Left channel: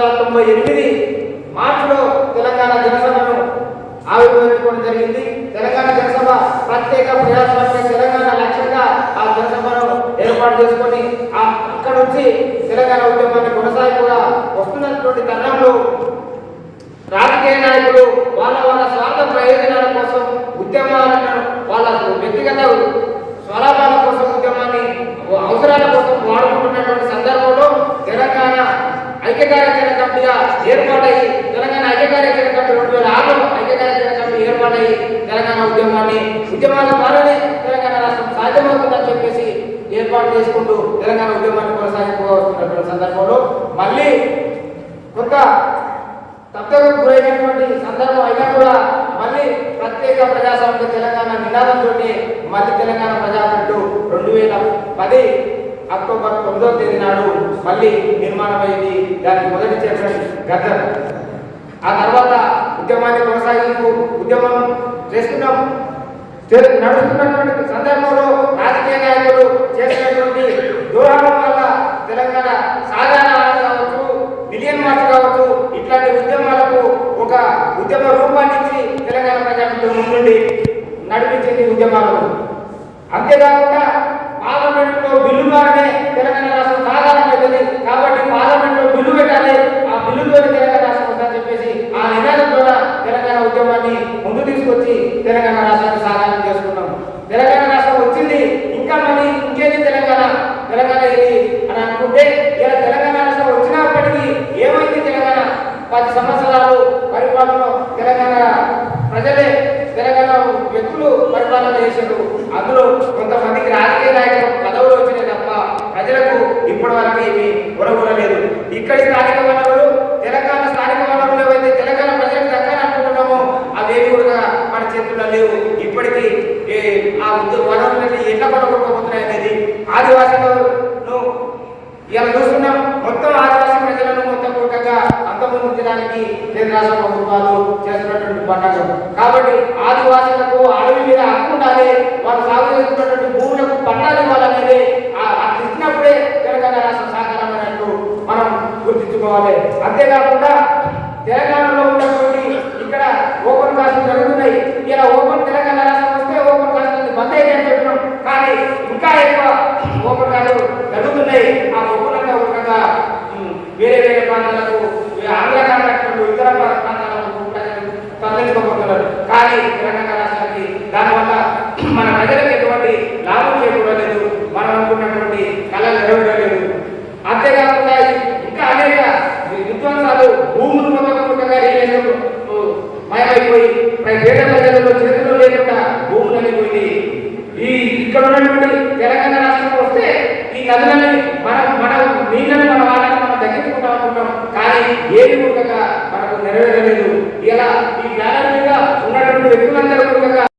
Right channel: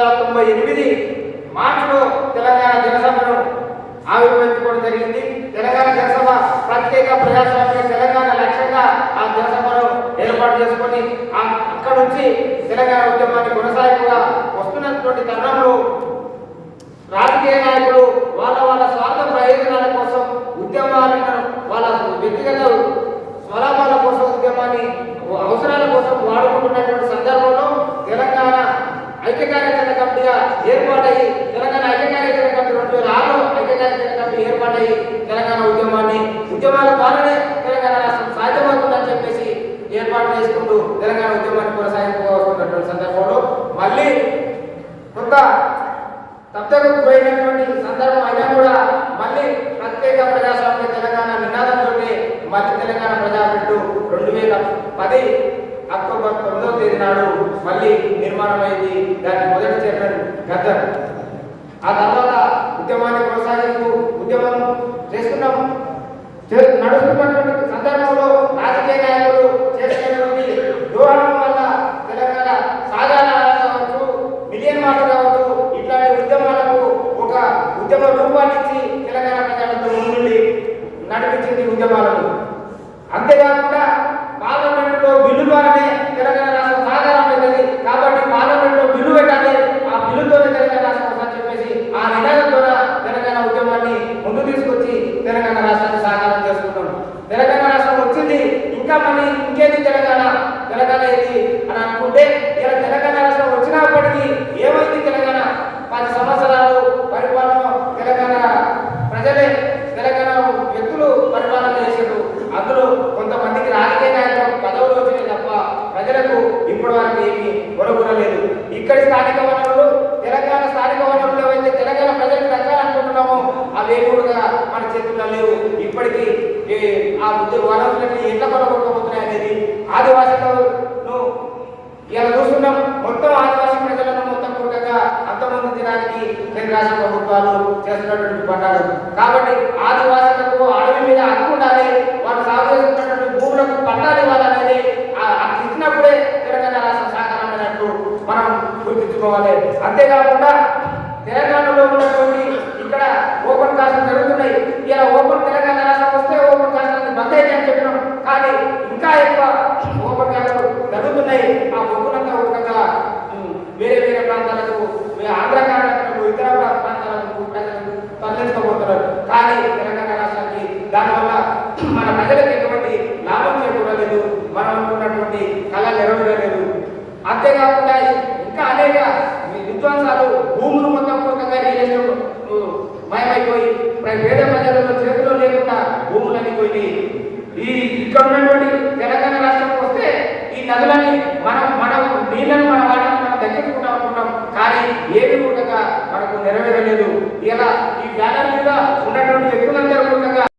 వందల తొంభై ఎనిమిది మార్చిలో తెలంగాణ జనసభను ఆవిర్భవించుకోవడం జరిగింది. తెలంగాణ జనసభ ప్రత్యేక ప్రజాస్వామ్య తెలంగాణ లక్ష్యంగా ఆ జనసభను ఏర్పాటు చేసుకొని అక్కడ నుంచి తెలంగాణ ఉద్యమాన్ని కొనసాగుగా వస్తున్నటువంటి తరుణంలో రాజకీయ నాయకులు వాళ్ళ వాళ్ళ స్వార్థ ప్రయోజనాల కోసం ఉద్యమాలను వాళ్ళ వ్యక్తిగత స్వలాభాల కోసం ఉద్యమాన్ని అవసరాల కోసం వాడుకుంటున్నటువంటి సందర్భంలో తెలంగాణ ఐక్యకార్యాచరణ కమిటీగా ఏర్పాటయ్యి తెలంగాణ ఐక్యకార్యాచరణ కమిటీ రెండు వేల ఆరులో ఐక్యకార్యాచరణ కమిటీ ఏర్పాటయ్యి తెలంగాణ ఉద్యమాన్ని ఉద్యమాల ద్వారానే తెలంగాణ రాష్ట్రం సాధ్యమవుతుందని చెప్పేసి ఏర్పాటు చేసుకుంటూ తెలంగాణ ఉద్యమాన్ని కొనసాగించుకోవాల్సినటువంటి సందర్భంలో మళ్ళీ కొంత తప్పకు గురైనటువంటి సందర్భం అయినా కూడా మళ్ళీ ప్రత్యేక ప్రజాస్వామ్య తెలంగాణ నినాదంతో మళ్ళీ తెలంగాణ ప్రజాఫ్రంట్ రెండు వేల పది అక్టోబర్ తొమ్మిదవ తేదీ నాడు మళ్ళీ నిర్మాణం దానికి మొదటి గద్దరు. ఆ తర్వాత ఉద్యమాన్ని కొనసాగింపు ఉద్యమం చేస్తున్నాం. నడుస్తున్నటువంటి సందర్భంలో రాజకీయ నాయకులు చేసినటువంటి దూరం వల్ల తెలంగాణ సాధారణ కావచ్చు మిలియన్ మాట కావచ్చు ఇట్లాంటి ఉద్యమాలకు ఒక ఉద్యమ రూపాన్నిచ్చి తెలంగాణ ప్రజలకు ముందుండి నడిపించింది ఉద్యమాలను. అంతేకాకుండా పార్లమెంట్లో బిల్లు ద్వారానే తెలంగాణ రాష్ట్రం సాధారణమైంది కాబట్టి పార్లమెంట్లో బిల్లు పెట్టాలి ఆ బిల్లుతో తెలంగాణ రాష్ట్రం వస్తుందని చెప్పేసి ఆ నినాదం ద్వారా తెలంగాణ ఉద్యమాన్ని ముందు తీసుకొచ్చి తెలంగాణ రాష్ట్రానికి సహాయం చేసుకున్నాం. తెలంగాణ రాష్ట్రం వచ్చింది ఇంకా మళ్ళీ ఇంకేది తెలంగాణ? తెలంగాణ ఇది అని అనుకుంటే ఏ, ఆ వనరులని ఎట్లా కొనగొట్టుకోబోతున్నాయి అనేది ఆదివాసులను ఇలా చూస్తున్నాం. మొత్తం ఆదివాసీ ప్రజలను మొత్తం పూర్తిగా అంతమొందించడానికి కేంద్ర రాష్ట్ర ప్రభుత్వాలు చేస్తున్నటువంటి పడ్డాడు కాబట్టి ఆదివాసులకు అడవి మీద హక్కు ఉండాలి. వాళ్ళు సాగు చేసుకున్నటువంటి భూములకు పట్టాలు ఇవ్వాలనేది ఆ- ఇచ్చినప్పుడే తెలంగాణ రాష్ట్ర సాకారమైనట్టు మనం గుర్తించుకోవాలి. అంతేకాకుండా తెలంగాణ ఉన్నటువంటి ఇక్కడ ఓపెన్ క్లాసులు జరుగుతున్నాయి ఇలా ఓపెన్ తెలంగాణ రాష్ట్రం వస్తే ఓపెన్ క్లాసులు బంద్ అయ్యాయని చెప్పడం కానీ ఇంకా ఎక్కువ ఓపెన్ క్లాసులు జరుగుతున్నాయి ఆ ఓపెన్ కూడా వేరే ప్రాంతాలకు ఆంధ్ర కర్ణాటకలు ఇతర ప్రాంతాలకు తరలించబోతున్నారు కానీ తెలంగాణ రాష్ట్రానికి దానివల్ల మన ప్రజలకు ఎటువంటి లాభం చేకూరలేదు మనం అనుకున్నటువంటి కళ నెరవేరలేదు. అంతేకాకుండా ఇంకా అనేక విద్వాంసాలు భూములు మొత్తం మయమైపోయి పేద ప్రజలలో చేతులు లేకుండా భూములు పోయి ఈ ఇక్కడ ఉన్నటువంటి తెలంగాణ రాష్ట్రంలో వస్తే ఈ నదులని మనం మనం నీళ్ళని మన వాళ్ళని మనం దక్కించుకుంటాం అనుకుంటాం కానీ ఏది కూడా మనకు నెరవేరలేదు. ఇలా ఈ వ్యాధి మీద ఉన్నటువంటి వ్యక్తులందరూ కూడా